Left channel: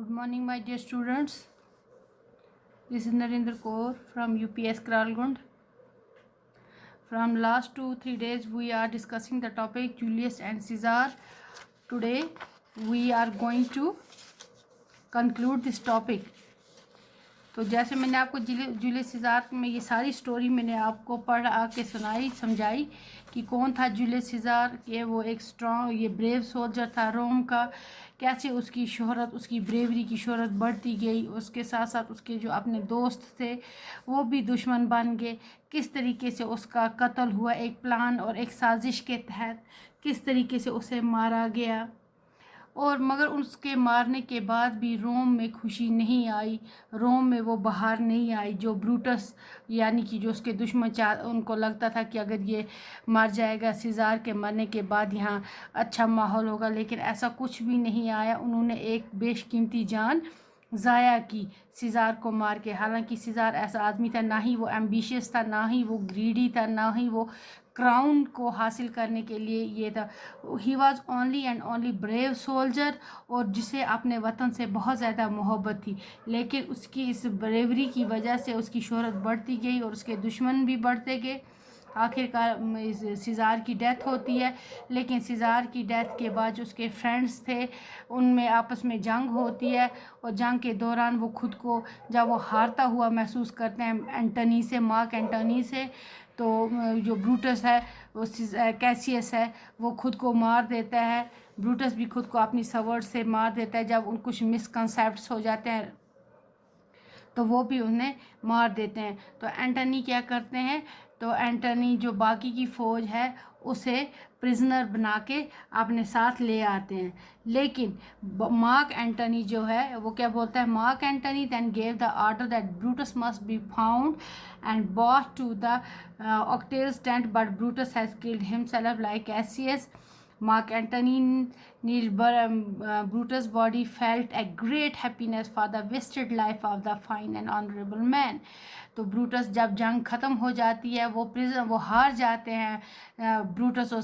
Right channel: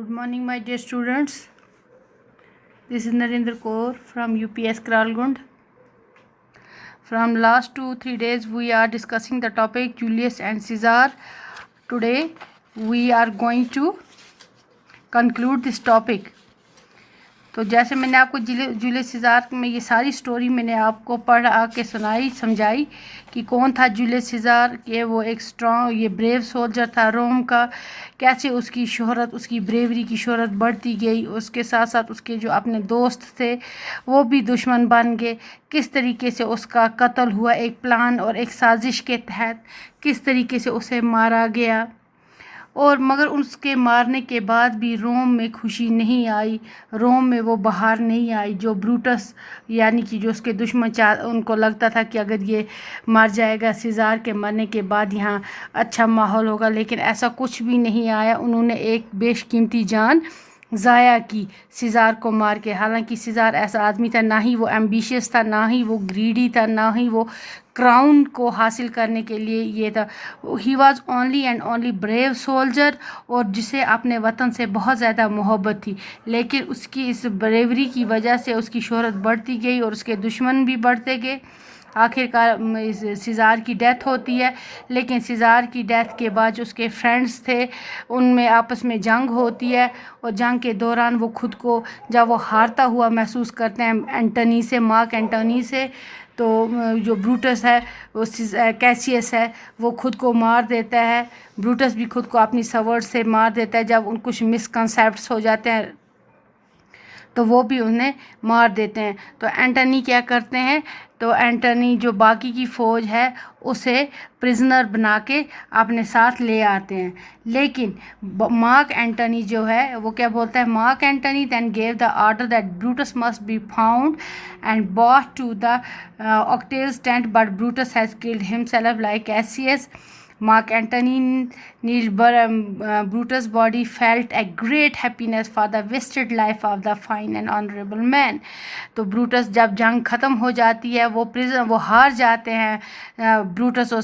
Good morning, my dear students. This is Narendra Kaur from UPS Kralgund. From last 2-3 days, we are discussing the topic Julius and Caesar. Today, we are going to conclude this topic. तो जैसे मैंने आपको Julius सीज़ार में ये सारी story मैंने आपको पढ़ आके सुनाई समझाई कि कौन था जूलियस सीज़ार, कि वो एक स्ट्रॉन्ग ये ब्रेव सोल्जर था रोम का, कैसे उसकी शोहरत उसकी ब्रेवरी की शोहरत बढ़ती गई, उसके साथ साथ उसके जो अपने दोस्त थे वो भी दुश्मन बन गए, किस तरीके से उसका कत्ल हुआ एक प्लान और एक साजिश के तहत, किस तरीके से उसे मारा गया। और मगर उसके मारने के बाद भी रोम में खुशी नहीं आई, रोम में वो बाहर नहीं आई। जो ब्रूटस यानी कि जो उसके दुश्मन उनको लगता था कि अगर ये मर जाएगा सीज़ार के मरने के बाद यहाँ अच्छा माहौल होगा, लेकिन ऐसा कुछ भी नहीं आया। उन्होंने एक बेशकीमती जान ज़ाया की सीज़ार को मार के। हालांकि सीज़ार ऐसा आदमी था, ना ही वो एम्बिशियस था, ना ही वो ग्रीडी था, ना ही वो क्राउन को हासिल करने के लिए ये था। He was only and only brave soldier, और जिसे अपने वतन से बहुत ज़्यादा मोहब्बत थी। लेकिन उसकी इस ब्रेवरी की वजह से उसकी शोहरत बढ़ती गई और उसके दुश्मन भी बढ़ते गए। आखिरकार सीज़ार की डेथ होती है, लेकिन सीज़ार की डेथ के बाद जो उसके फ्रेंड्स थे उनमें आपस में जंग होती है, और जंग के दौरान वो खुद को जब वो हारता हुआ महसूस करते हैं एंटनी से, मार्क एंटनी से, तो जो ब्रूटस है वो कैसियस है वो खुद को मार देता है। ब्रूटस भी खुद को अपनी सवर्ड से मार देता है। जब उन कुछ मिसकंसेप्ट्स हो जाते हैं तो वो भी उन्हें मार देते हैं। तो एंटनी क्या करते हैं, तो एंटनी जो बाकी की फ़ौज है उसे प्रिजनर बना के अपने साथ ले आते हैं। लेकिन मार्क एंटनी जो है वो क्या बोलता है, Mark Antony then gave the order that Brutus must be found and brought to the Octavius tent, but Brutus has killed himself like Cassius. Mark Antony Brutus' body felt a great happiness for the wasted life of the fine and honorable man. तो Brutus जब जंग ख़त्म हो जाती है, वो हार जाते हैं। ब्रूटस और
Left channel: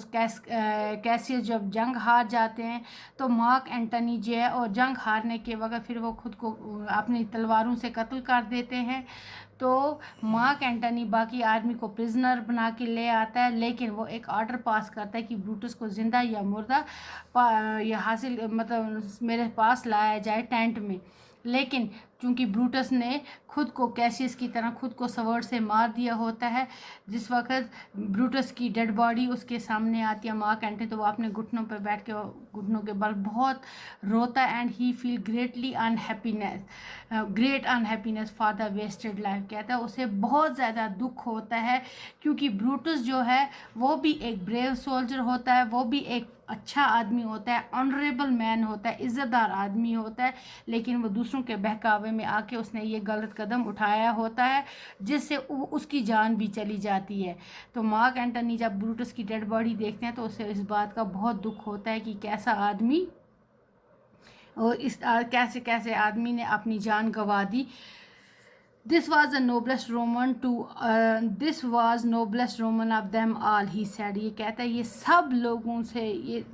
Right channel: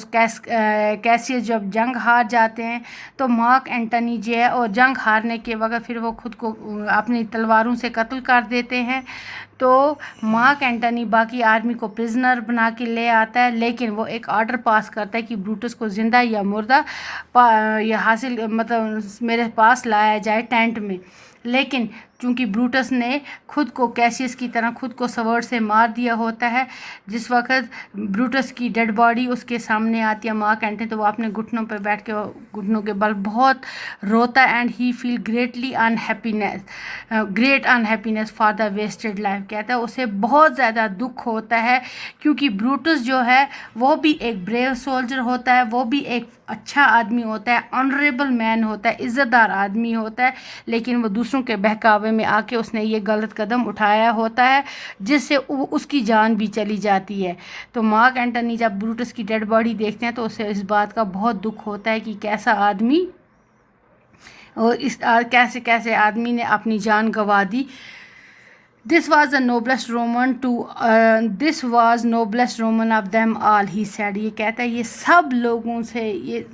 कैसियस जब जंग हार जाते हैं तो मार्क एंटनी जो है और जंग हारने के वक्त फिर वो खुद को अपनी तलवारों से कत्ल कर देते हैं। तो मार्क एंटनी बाकी आर्मी को प्रिजनर बना के ले आता है, लेकिन वो एक ऑर्डर पास करता है कि ब्रूटस को ज़िंदा या मुर्दा या हासिल मतलब मेरे पास लाया जाए टेंट में। लेकिन चूँकि ब्रूटस ने खुद को कैसियस की तरह खुद को सवर्ड से मार दिया होता है, जिस वक्त ब्रूटस की डेड बॉडी उसके सामने आती है मार्क एंटनी, तो वो अपने घुटनों पर बैठ के घुटनों के बल बहुत रोता है and he feel great unhappiness for the wasted life. कहता है उसे बहुत ज़्यादा दुख होता है, क्योंकि ब्रूटस जो है वो भी एक ब्रेव सोल्जर होता है, वो भी एक अच्छा आदमी होता है, ऑनरेबल मैन होता है, इज़्ज़तदार आदमी होता है, लेकिन वो दूसरों के बहकावे में आके उसने ये गलत कदम उठाया होता है जिससे उसकी जान भी चली जाती है। तो मार्क एंटनी जब ब्रूटस की डेड बॉडी देखते हैं तो उसे इस बात का बहुत दुख होता है कि कैसा आदमी और कैसे कैसे आदमी ने अपनी जान गंवा दी। This was noblest Roman of them all, he said. ये कहता है ये सब लोगों से ये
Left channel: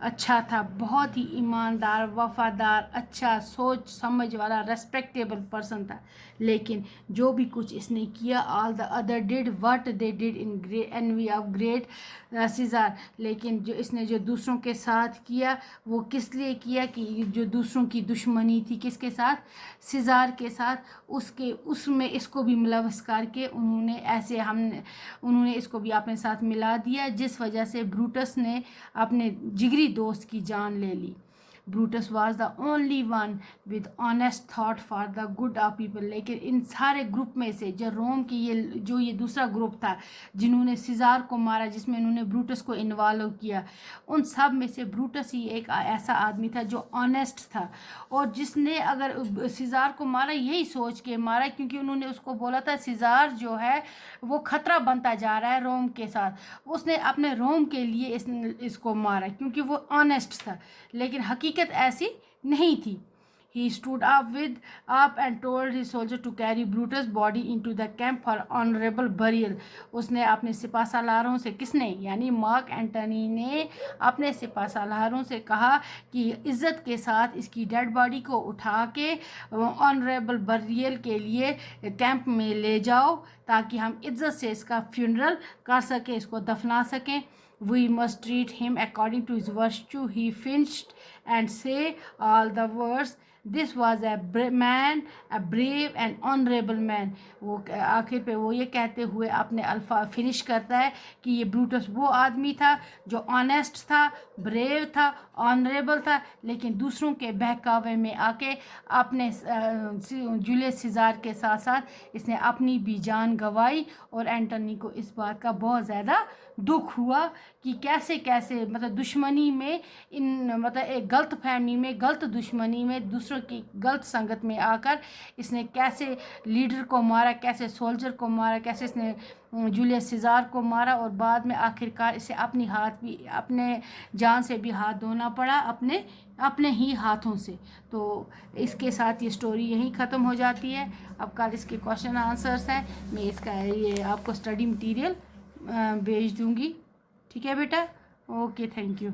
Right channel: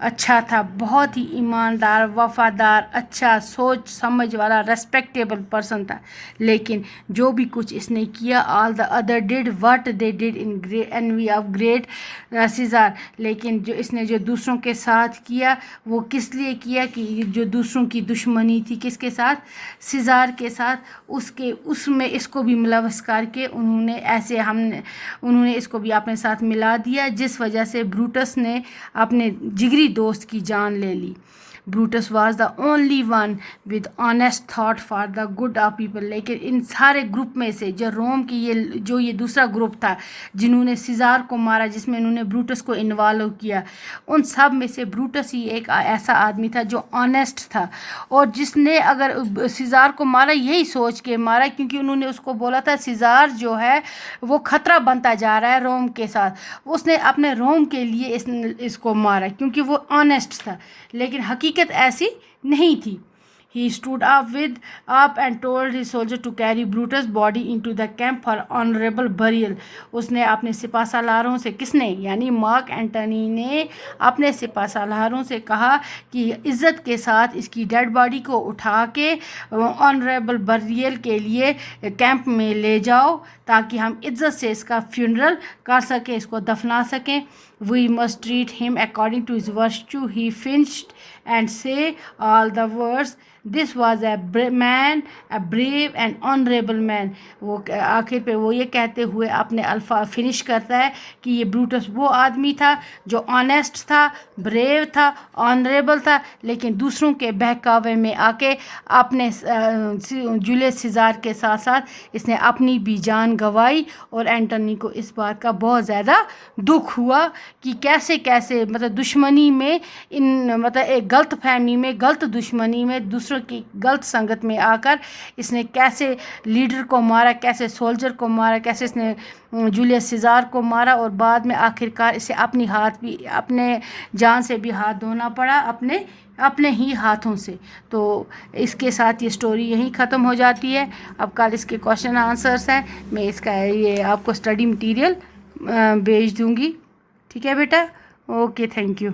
अच्छा था, बहुत ही ईमानदार, वफ़ादार, अच्छा सोच समझ वाला, रेस्पेक्टेबल पर्सन था। लेकिन जो भी कुछ इसने किया, all the other did what they did in envy of great Caesar. लेकिन जो इसने जो दूसरों के साथ किया वो किस लिए किया, कि जो दूसरों की दुश्मनी थी किसके साथ, सीज़ार के साथ, उसमें इसको भी मुलव्वस करके उन्होंने इसको भी अपने साथ मिला दिया, जिस वजह से ब्रूटस ने अपने जिगरी दोस्त की जान ले ली। Brutus was the only one with honest thought for the good of people. लेकिन इन सारे ग्रुप में से जो रोम की ये दूसरा ग्रुप था जिन्होंने सीज़ार को मारा, जिसमें उन्होंने ब्रूटस को इन्वॉल्व किया, उन सब में से ब्रूटस ही एक ऐसा आदमी था जो ऑनेस्ट था, और जिसने अगर सीज़ार को मारा यही सोच के मारा, क्योंकि उन्होंने उसको बोला था सीज़ार जो है वो ख़तरा बनता जा रहा है रोम के साथ, उसने अपने रोम के लिए इसको मारा क्योंकि वो ऑनेस्ट था। लेकिन हकीकत ऐसी नहीं थी। he stood up and told his soldier to carry Brutus' body into the camp for honorable burial. उसने अपने सिपा सालारों से, किसने, यानी मार्क एंटनी ने अपने सिपा सालारों से कहा कि इज़्ज़त के साथ इसकी डेड बॉडी को उठा के ऑनरेबल बरियल के लिए कैंप में ले जाओ, ताकि हम इज़्ज़त से इसका फ्यूनरल कर सकें, इसको दफना सकें. We must treat him according to his virtue, he finished, and say all the words. This was a brave and honorable man. وہ آخر پہ وہ یہ کہتے ہوئے اپنے الفاظ فنش کرتا ہے کہ یہ بروٹس وہ آدمی تھا جو آنیسٹ تھا, بریو تھا, آنریبل تھا, لیکن دوسروں کے بہکاوے میں آ کے اپنے جولیس سیزار کے ساتھ ساتھ اس نے اپنی بھی جان گنوائی. اور اینٹونی کو اس بات کا بہت زیادہ دکھ ہوا کہ کیسے مطلب دشمنی میں مطلب ایک غلط فہمی میں, غلط دشمنی میں, دوسروں کی غلط سنگت میں آ کر اس نے کیسے لیڈر کو مارا, کیسے سولجر کو مارا, کیسے اس نے جولیس سیزار کو مارا, اور بعد میں آخر کار اسے اپنے جان سے بھی ہاتھ دھونا پڑا, اپنے ہی ہاتھوں سے. تو اس کے ساتھ یہ سٹوری یہیں ختم ہو جاتی ہے. اب کل اس کے کوشچن آنسرس ہیں, میں اس کا یہ آپ کو اسٹڈی مٹیریل بھیج دوں گی. ٹھیک ہے بیٹا, اوکے, تھینک یو.